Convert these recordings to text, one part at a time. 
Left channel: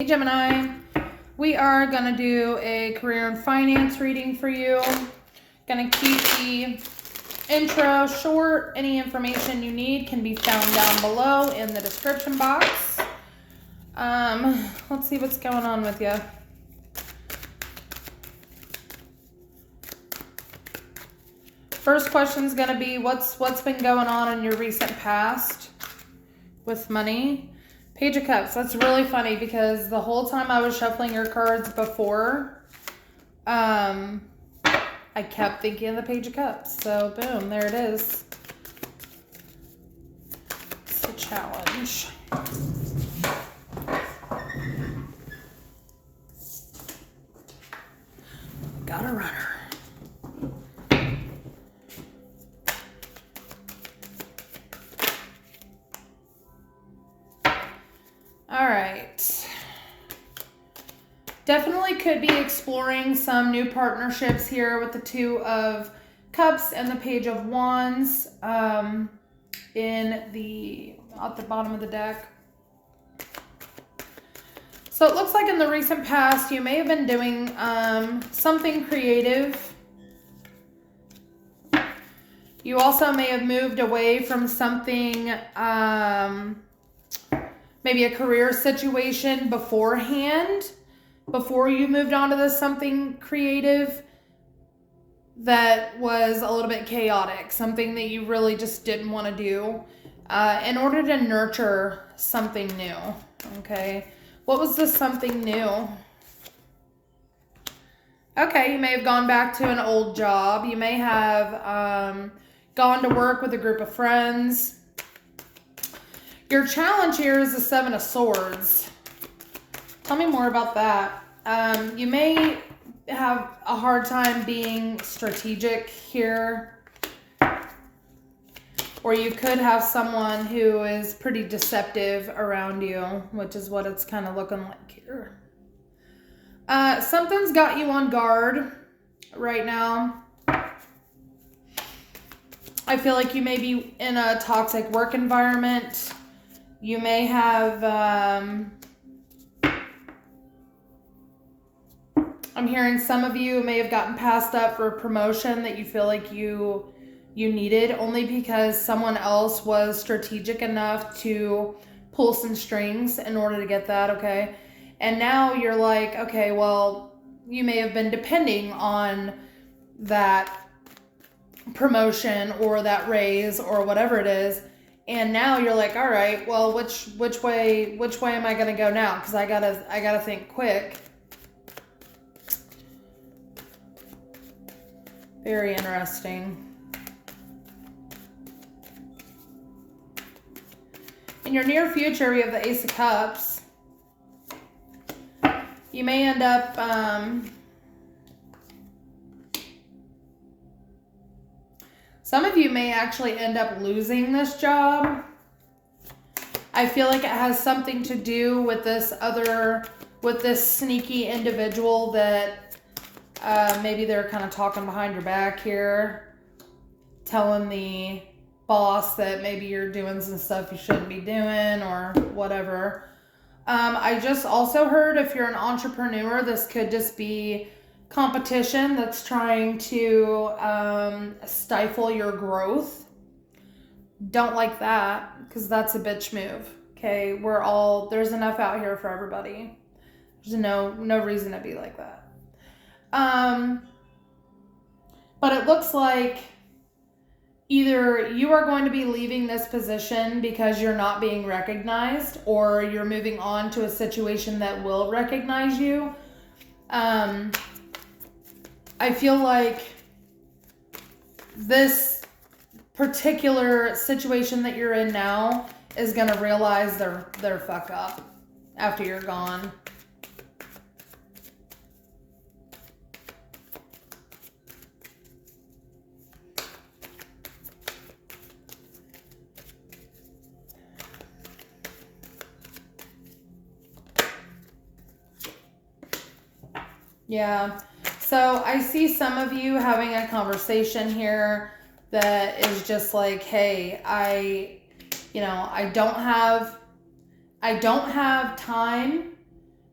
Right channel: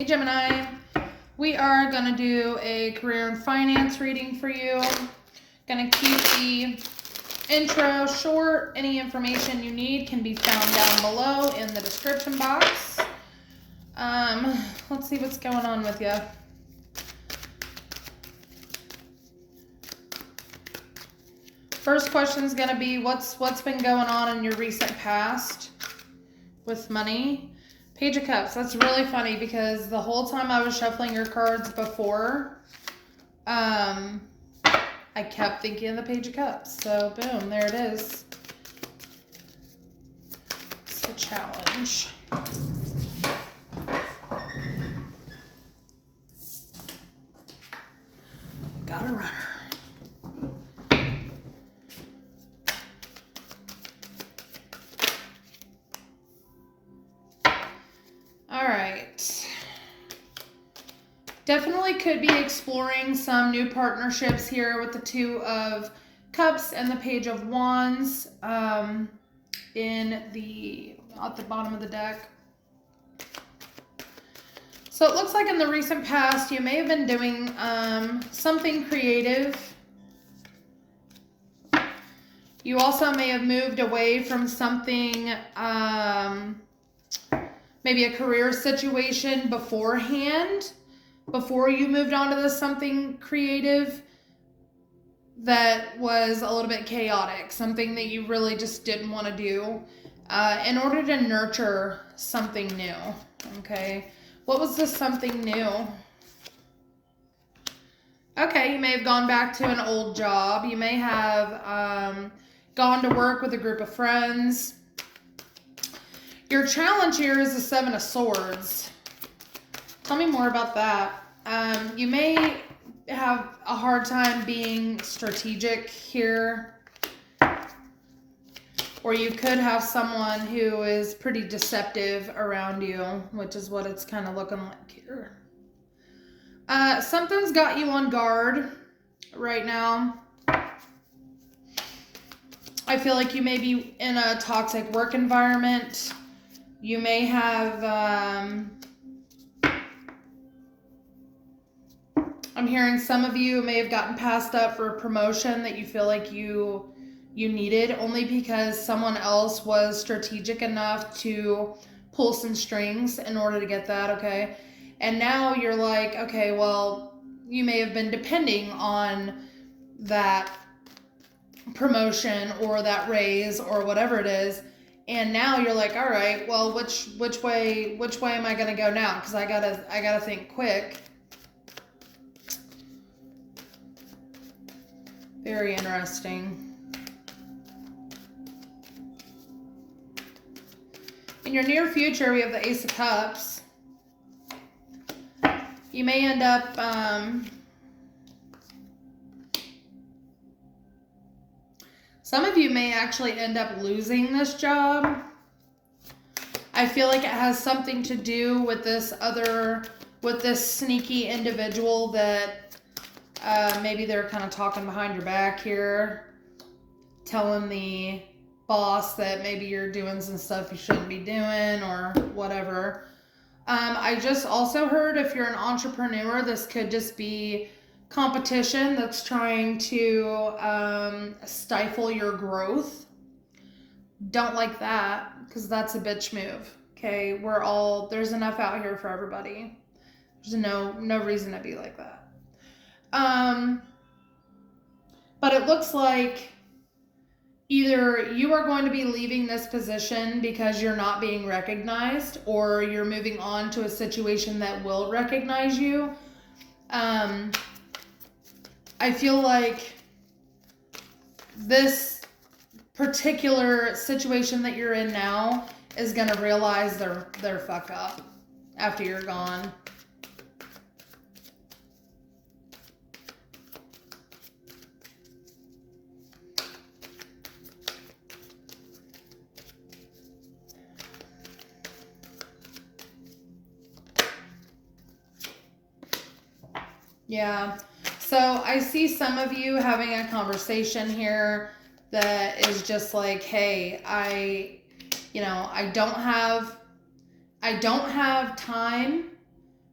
Hey Gemini, we are going to do a career and finance reading for you. Going to keep the intro short. Any information you need can be found down below in the description box. Let's see what's going on with you. First question is going to be what's been going on in your recent past with money. Page of Cups. That's really funny because the whole time I was shuffling your cards before, I kept thinking of the Page of Cups. So, boom, there it is. It's a challenge. Got a runner. Definitely could be exploring some new partnerships here with the Two of Cups and the Page of Wands at the bottom of the deck. So it looks like in the recent past you may have been doing something creative. You also may have moved away from something, maybe a career situation beforehand. Before you moved on to this something creative that was a little bit chaotic, something that you really just didn't want to do in order to nurture something new, okay? What was this something new? Okay, you may have gone back to an old job. You may have gone to work with a group of friends. Your challenge here is the Seven of Swords. Tell me more about that. You may have a hard time being strategic here. Or you could have someone who is pretty deceptive around you, which is what it's kind of looking like here. Something's got you on guard right now. I feel like you may be in a toxic work environment. You may have... I'm hearing some of you may have gotten passed up for a promotion that you feel like you needed only because someone else was strategic enough to pull some strings in order to get that, okay? And now you're like, okay, well, you may have been depending on that promotion or that raise or whatever it is. And now you're like, all right, well, which way am I going to go now? Because I gotta think quick. Very interesting. In your near future, we have the Ace of Cups. You may end up some of you may actually end up losing this job. I feel like it has something to do with this sneaky individual that maybe they're kind of talking behind your back here, telling the boss that maybe you're doing some stuff you shouldn't be doing or whatever. I just also heard if you're an entrepreneur, this could just be competition that's trying to stifle your growth. Don't like that because that's a bitch move. Okay, there's enough out here for everybody. There's no reason to be like that. But it looks like either you are going to be leaving this position because you're not being recognized, or you're moving on to a situation that will recognize you. I feel like this particular situation that you're in now is going to realize they're fucked up after you're gone. Yeah, so I see some of you having a conversation here that is just like, hey, I don't have time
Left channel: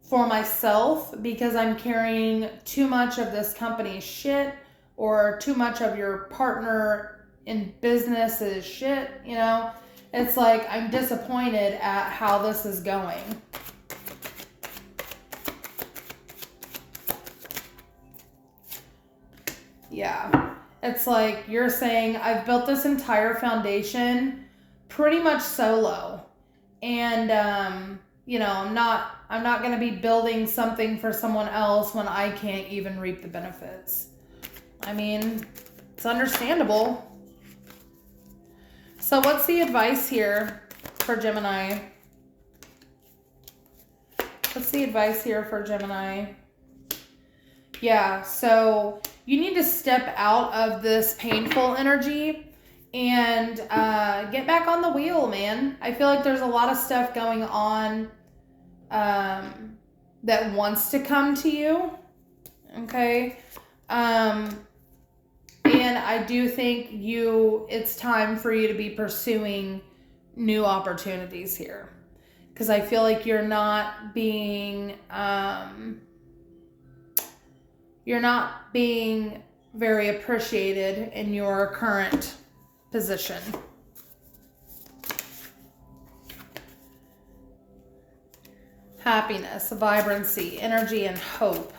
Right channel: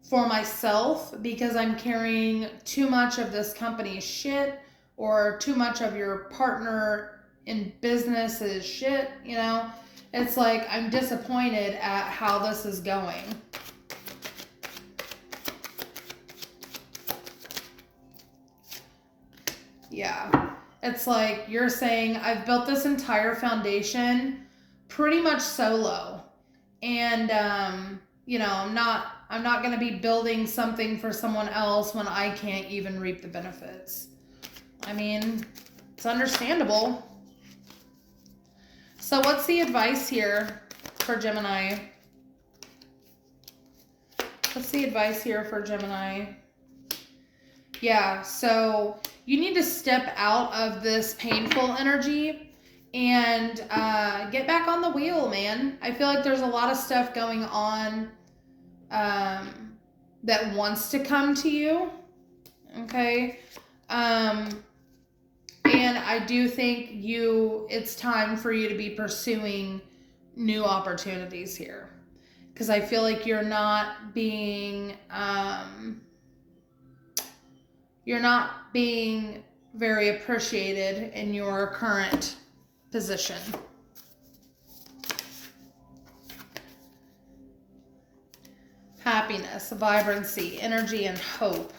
for myself because I'm carrying too much of this company's shit or too much of your partner in business's shit, you know? It's like I'm disappointed at how this is going. Yeah. It's like you're saying, I've built this entire foundation pretty much solo. And, you know, I'm not going to be building something for someone else when I can't even reap the benefits. I mean, it's understandable. So what's the advice here for Gemini? What's the advice here for Gemini? Yeah, so you need to step out of this painful energy and get back on the wheel, man. I feel like there's a lot of stuff going on that wants to come to you, okay? And I do think it's time for you to be pursuing new opportunities here. Because I feel like you're not being very appreciated in your current position. Happiness, vibrancy, energy, and hope.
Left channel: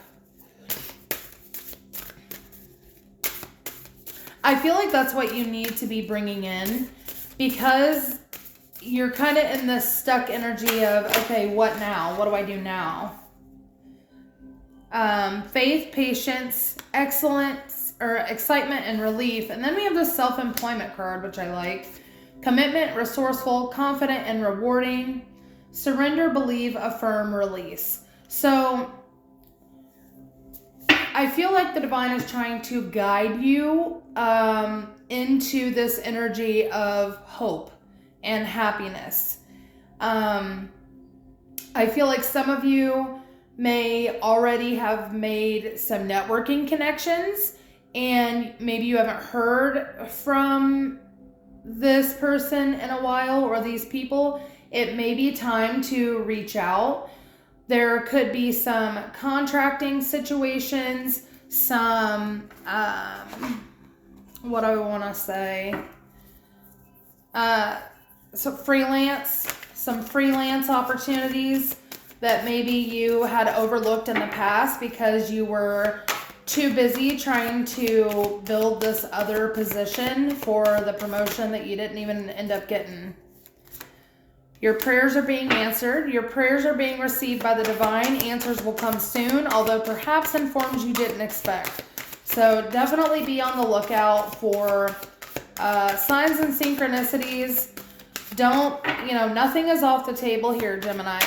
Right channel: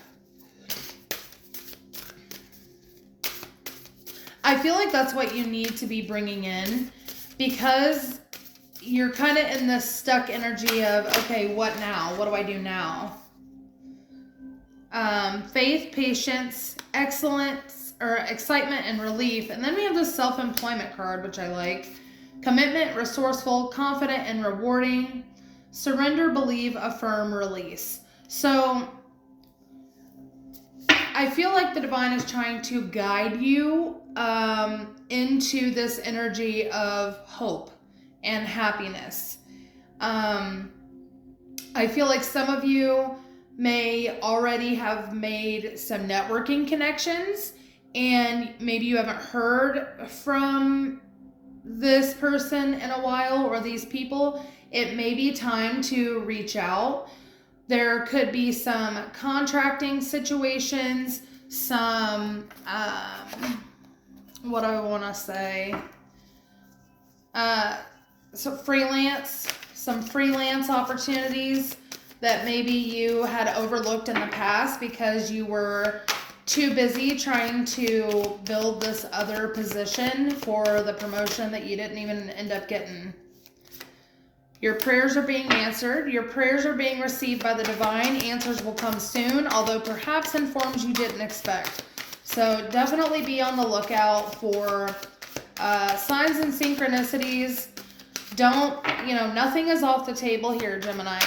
I feel like that's what you need to be bringing in because you're kind of in this stuck energy of, okay, what now? What do I do now? Faith, patience, excellence, or excitement and relief. And then we have this self-employment card, which I like. Commitment, resourceful, confident, and rewarding. Surrender, believe, affirm, release. So I feel like the divine is trying to guide you into this energy of hope and happiness. I feel like some of you may already have made some networking connections and maybe you haven't heard from this person in a while or these people. It may be time to reach out. There could be some contracting situations, some, what do I want to say? Some freelance opportunities that maybe you had overlooked in the past because you were too busy trying to build this other position for the promotion that you didn't even end up getting. Your prayers are being answered. Your prayers are being received by the divine. Answers will come soon, although perhaps in forms you didn't expect. So definitely be on the lookout for signs and synchronicities. Nothing is off the table here, Gemini.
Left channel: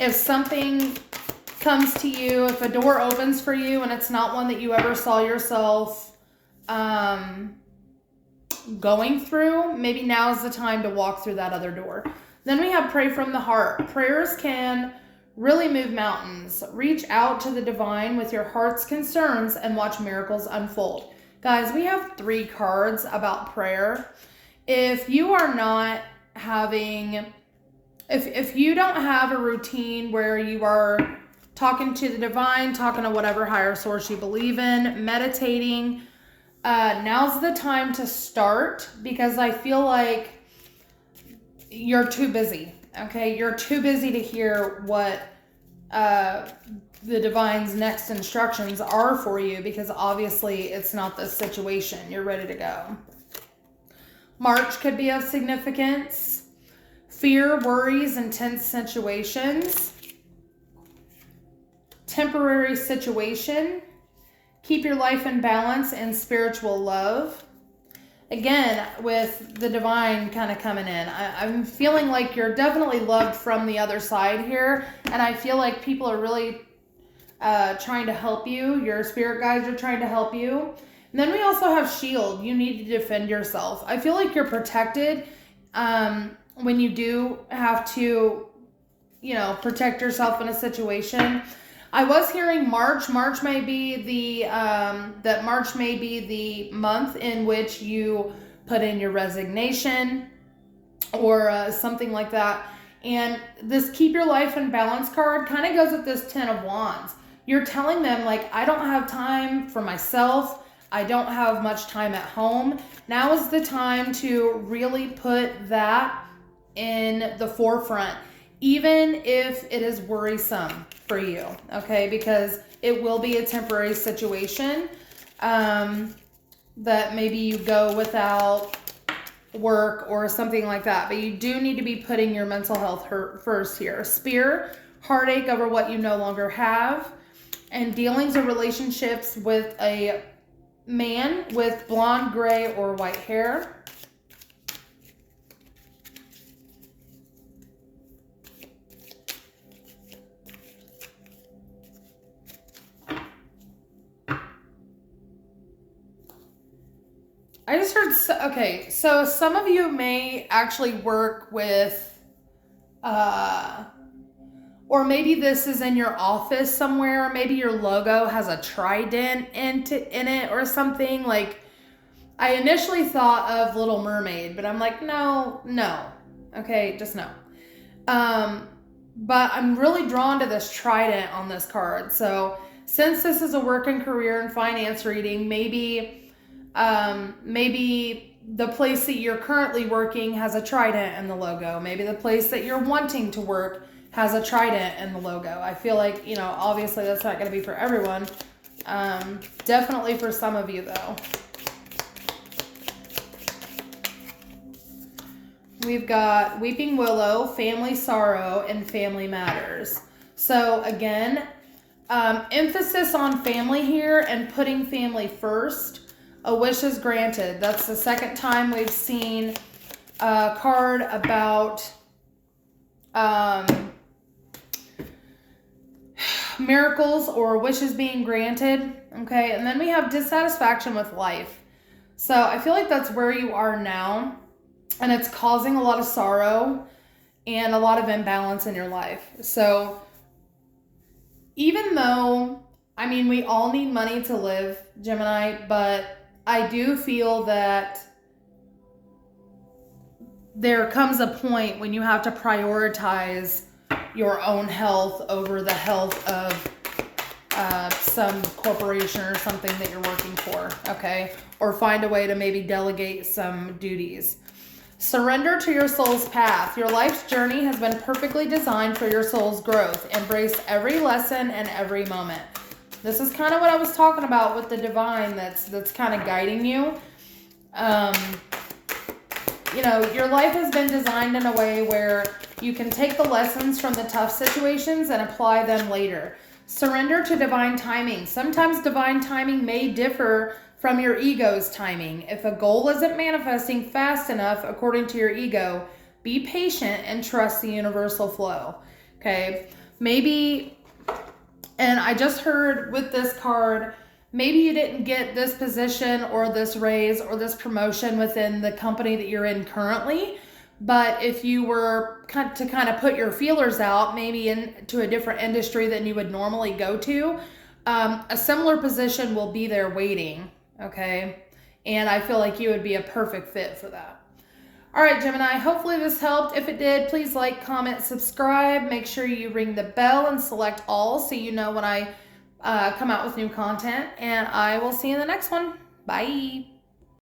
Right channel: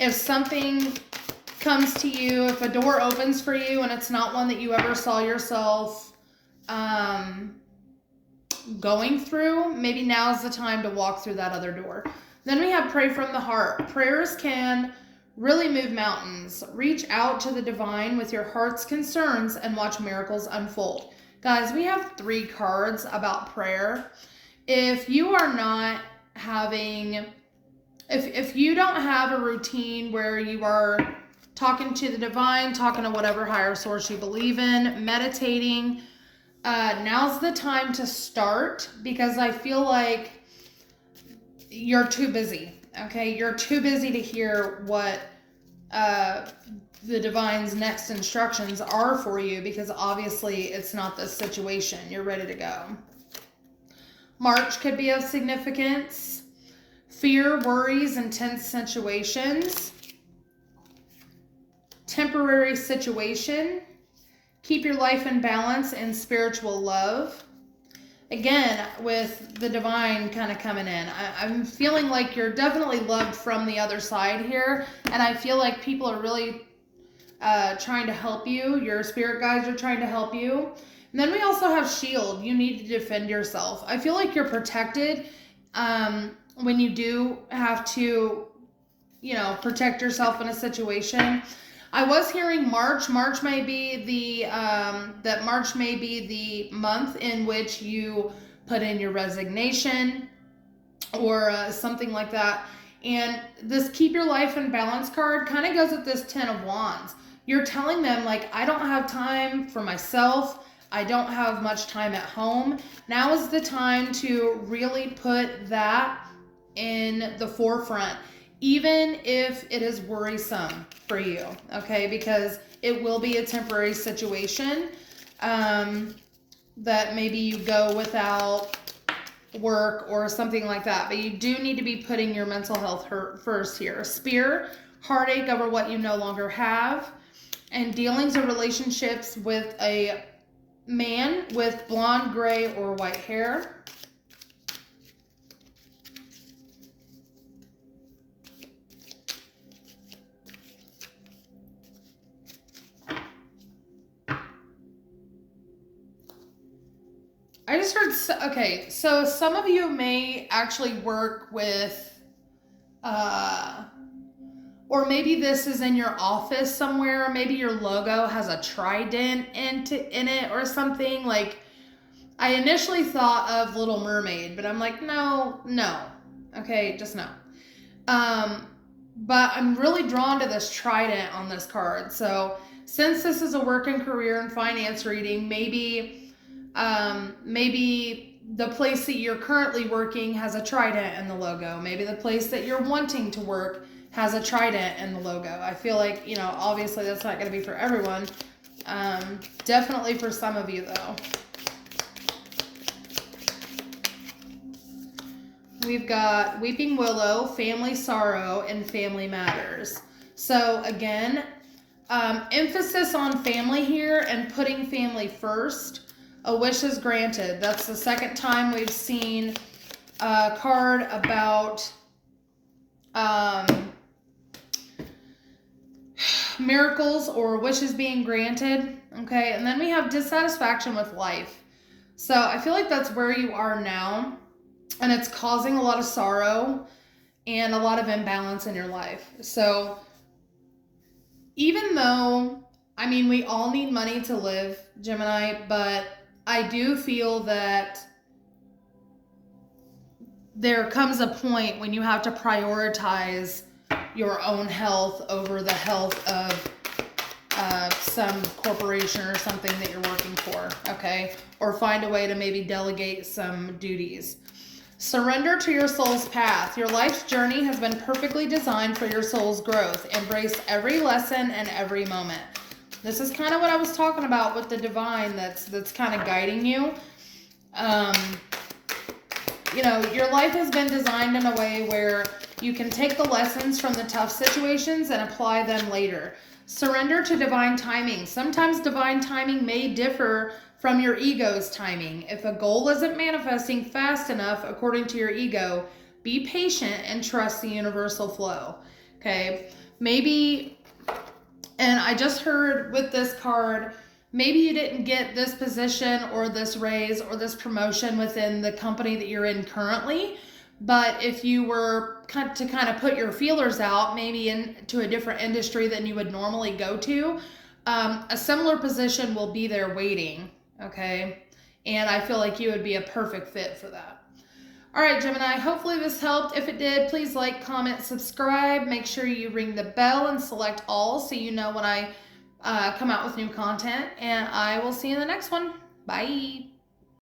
If something comes to you, if a door opens for you and it's not one that you ever saw yourself going through, maybe now's the time to walk through that other door. Then we have pray from the heart. Prayers can really move mountains. Reach out to the divine with your heart's concerns and watch miracles unfold. Guys, we have 3 cards about prayer. If you are not having, if you don't have a routine where you are talking to the divine, talking to whatever higher source you believe in, meditating, now's the time to start because I feel like you're too busy, okay? You're too busy to hear what the divine's next instructions are for you because obviously it's not this situation. You're ready to go. March could be of significance. Fear, worries, intense situations. Temporary situation. Keep your life in balance and spiritual love. Again, with the divine kind of coming in, I'm feeling like you're definitely loved from the other side here. And I feel like people are really trying to help you. Your spirit guides are trying to help you. And then we also have shield. You need to defend yourself. I feel like you're protected when you do have to, protect yourself in a situation. I was hearing March. March may be the month in which you put in your resignation or something like that. And this keep your life in balance card kind of goes with this 10 of Wands. You're telling them, like, I don't have time for myself. I don't have much time at home. Now is the time to really put that in the forefront, even if it is worrisome for you, okay? Because it will be a temporary situation that maybe you go without work or something like that. But you do need to be putting your mental health first here. Spear, heartache over what you no longer have, and dealings or relationships with a man with blonde, gray, or white hair. I just heard, okay, so some of you may actually work with, or maybe this is in your office somewhere. Maybe your logo has a trident in it or something. Like, I initially thought of Little Mermaid, but I'm like, no. Okay, just no. But I'm really drawn to this trident on this card. So since this is a work and career and finance reading, maybe the place that you're currently working has a trident in the logo. Maybe the place that you're wanting to work has a trident in the logo. I feel like, obviously that's not going to be for everyone. Definitely for some of you, though. We've got Weeping Willow, Family Sorrow, and Family Matters. So again, emphasis on family here and putting family first. A wish is granted. That's the second time we've seen a card about miracles or wishes being granted. Okay, and then we have dissatisfaction with life. So I feel like that's where you are now, and it's causing a lot of sorrow and a lot of imbalance in your life. So even though, we all need money to live, Gemini, but I do feel that there comes a point when you have to prioritize your own health over the health of some corporation or something that you're working for, okay? Or find a way to maybe delegate some duties. Surrender to your soul's path. Your life's journey has been perfectly designed for your soul's growth. Embrace every lesson and every moment. This is kind of what I was talking about with the divine that's kind of guiding you. Your life has been designed in a way where you can take the lessons from the tough situations and apply them later. Surrender to divine timing. Sometimes divine timing may differ from your ego's timing. If a goal isn't manifesting fast enough according to your ego, be patient and trust the universal flow. Okay? Maybe, and I just heard with this card, maybe you didn't get this position or this raise or this promotion within the company that you're in currently, but if you were to kind of put your feelers out, maybe into a different industry than you would normally go to, a similar position will be there waiting, okay? And I feel like you would be a perfect fit for that. All right, Gemini, hopefully this helped. If it did, please like, comment, subscribe. Make sure you ring the bell and select all so you know when I come out with new content. And I will see you in the next one. Bye.